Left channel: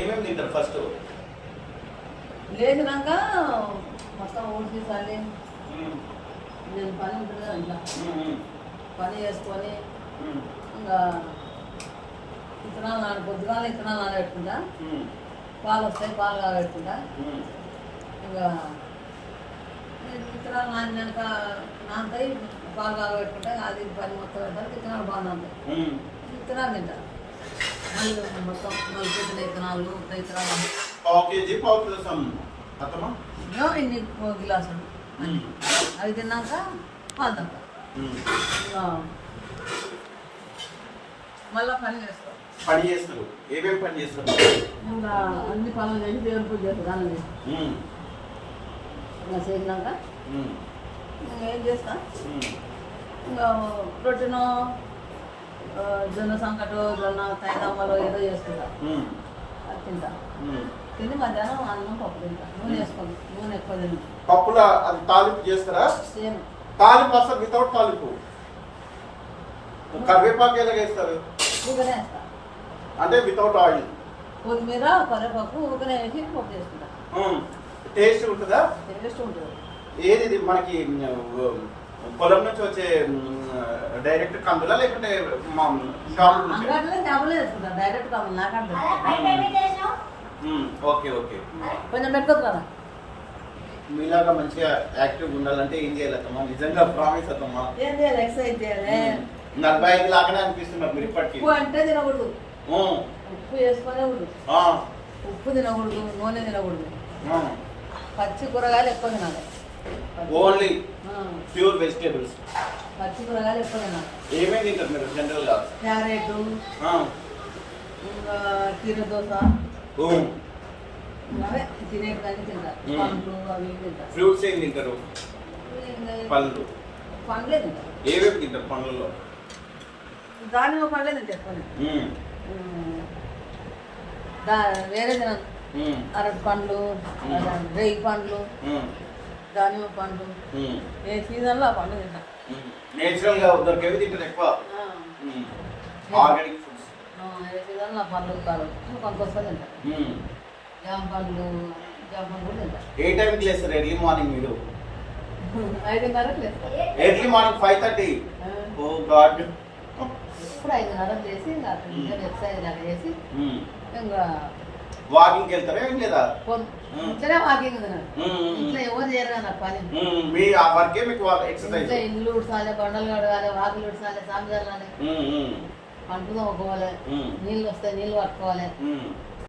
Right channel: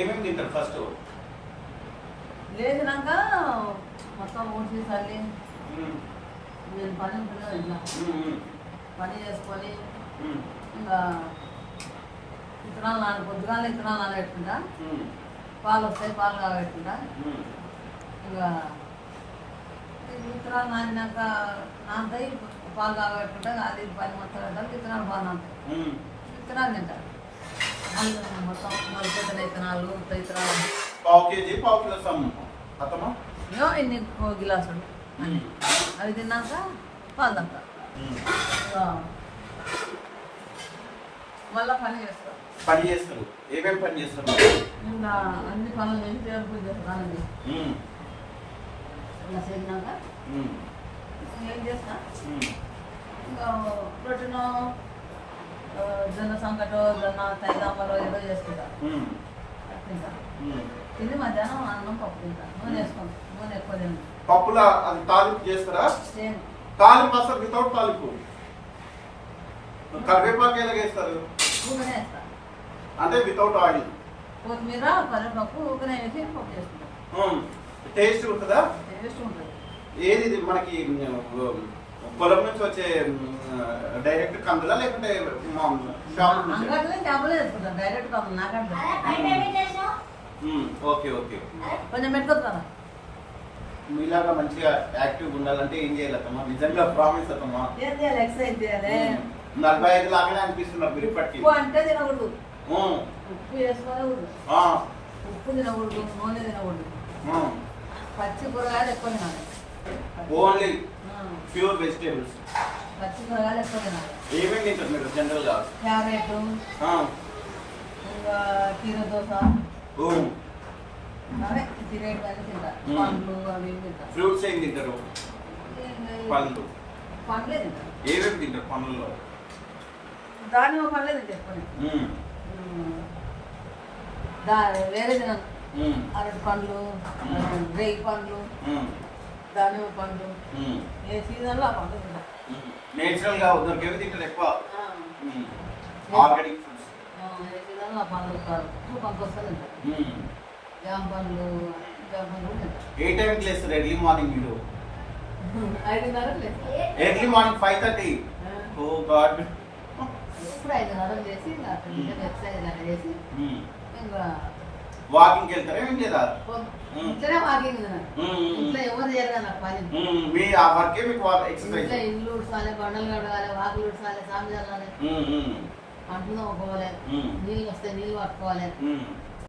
ఏమేమి తింటారు ఫస్ట్? లేచినాక మొత్తం ఊడ్చి చల్లి నేను పని ఉంటుంది కదా ఇంట్లో పని చేసుకొని ఇంకా ఇత్తనాలు పొద్దునాలు ఇత్తనాలు నానబెట్టుకుంటా, పాలు వస్తాయి పాలు కాబెట్టుకుంటా, ఇంకా విత్తనాలు నానినాక నానతాయి పాలు కాబెట్టుకుంటా, అది పని మొత్తం పెట్టాలి. విత్తనాలు బాగా నానతాయి, విత్తనాలు తింటారు. మళ్ళీ మొత్తం నలుపుతున్న విత్తనాలు విత్తనాలు పావు కేజీ పావు కిలో అత్తమ్మా ఇన్ని గిలాసులు అన్ని అవి తిన్నాక పాలు తాగుతా. మళ్ళీ పని చేస్తారు. ఏమేమి పని చేస్తారు? ఇంకా అన్ని పనులు చేసి దేవుని పూజ చేస్తారు. అన్నం చేసి ఇలా చేసినాక ఏం చేస్తా, ఇంకా రొట్టెనో జొన్న సంకటో జొన్న తైదమ్మలో ఏదో చేసుకుంటా, అది తింటా. తిని మధ్యాహ్నం అన్నం పప్పు తింటా. నూనె వేసుకోండి, నూనె ఎక్కువ తింటా. పప్పులో అది తాలింపు చేస్తారా? సేమ్ తాలింపు అసలు వితౌట్ తాలింపు. కరివేపాకు ఎలా వేస్తారు? ఊగనే వేస్తా, అంటే వితౌట్ ఆయిల్. కొత్తిమీర కరివేపాకు ఊగనే వేసి పప్పు చేసుకుంటా. టేస్ట్ ఉంటుందా? టేస్ట్ ఉంటుంది. ఏది మనకి పొలం నుంచి వచ్చే డైరెక్ట్ కందులా లేకుంటే చేపలే చేసుకుంటా. డైరెక్ట్ కాదు నాకంటే. Okay okay. కొంచెం పెట్టుకోరా. మీలాగా మంచిగా యాక్టివ్ ఉండాలంటే ఏం చేయాలి అత్తమ్మా? నిజంగా ప్రామిస్ అత్తమ్మా. ఏం చేయాలి? ఎక్సర్సైజ్ చేయాలి. 45 లాగానే అనిపిస్తున్నారు మీరు ఇప్పటికి. ఉప్పు అంటే తినకూడదు, ఉప్పు వేసుకోకూడదు, ఉప్పు తినకూడదు, నూనె తినకూడదు, పచ్చి కూరగాయలు ఎక్కువ తినాలి. Only pure vegetables. పచ్చి కూరగాయలు ఎక్కువ తినాలి. ఏమేమి తింటారు మీరు జనరల్ గా? క్యారెట్, కీర దోస, అవే తినేటివన్నీ తింటా. పండ్లు అవి తింటా. ఫ్రూట్స్ ఏం తింటారు? పండ్లు. పండ్లే తింటా. ఏమేమి తింటారు పండ్లలో? దానిమ్మ పండ్లే తింటా ఎక్కువ. వేరే తినను. అరటి పండ్లు, రేగి పండ్లు, దానిమ్మ పండ్లు, ఏ సీజన్లో ఆ పండ్లు తింటా. నేచురల్ గా దొరికేవి తింటారు ఎక్కువ. Organic foods. ఏ సీజన్లో ఆ పండ్లు కొంత తింటా. జామ పండ్లు కూడా తింటా. ఏ టైంకి లేస్తారు ఎర్లీ మార్నింగ్ మీరు? 5:30కి లేస్తా. Early morning 5:30. ఓ గాడ్. ఇప్పుడు 5:30కి లేసి అక్కడ ఎక్సర్సైజ్ అలా చేసి ఇంకా వాకింగ్కి వెళ్తారా ఏం లేదా? ఇంట్లోనే వాకింగ్ ఇంట్లో ఎవరు చేయరు కదా నాకు పని. మీ ఆ వర్కే మీకు ఎక్సర్సైజ్. ఇంట్లో ఇల్లు ఉడసాలి, బండలు కడగాలి, వాకిలు ఉడసాలి, సామి చల్లాలి, అంట్లు తోముకోవాలి, నీళ్ళు వస్తే నీళ్ళు పట్టుకోవాలి,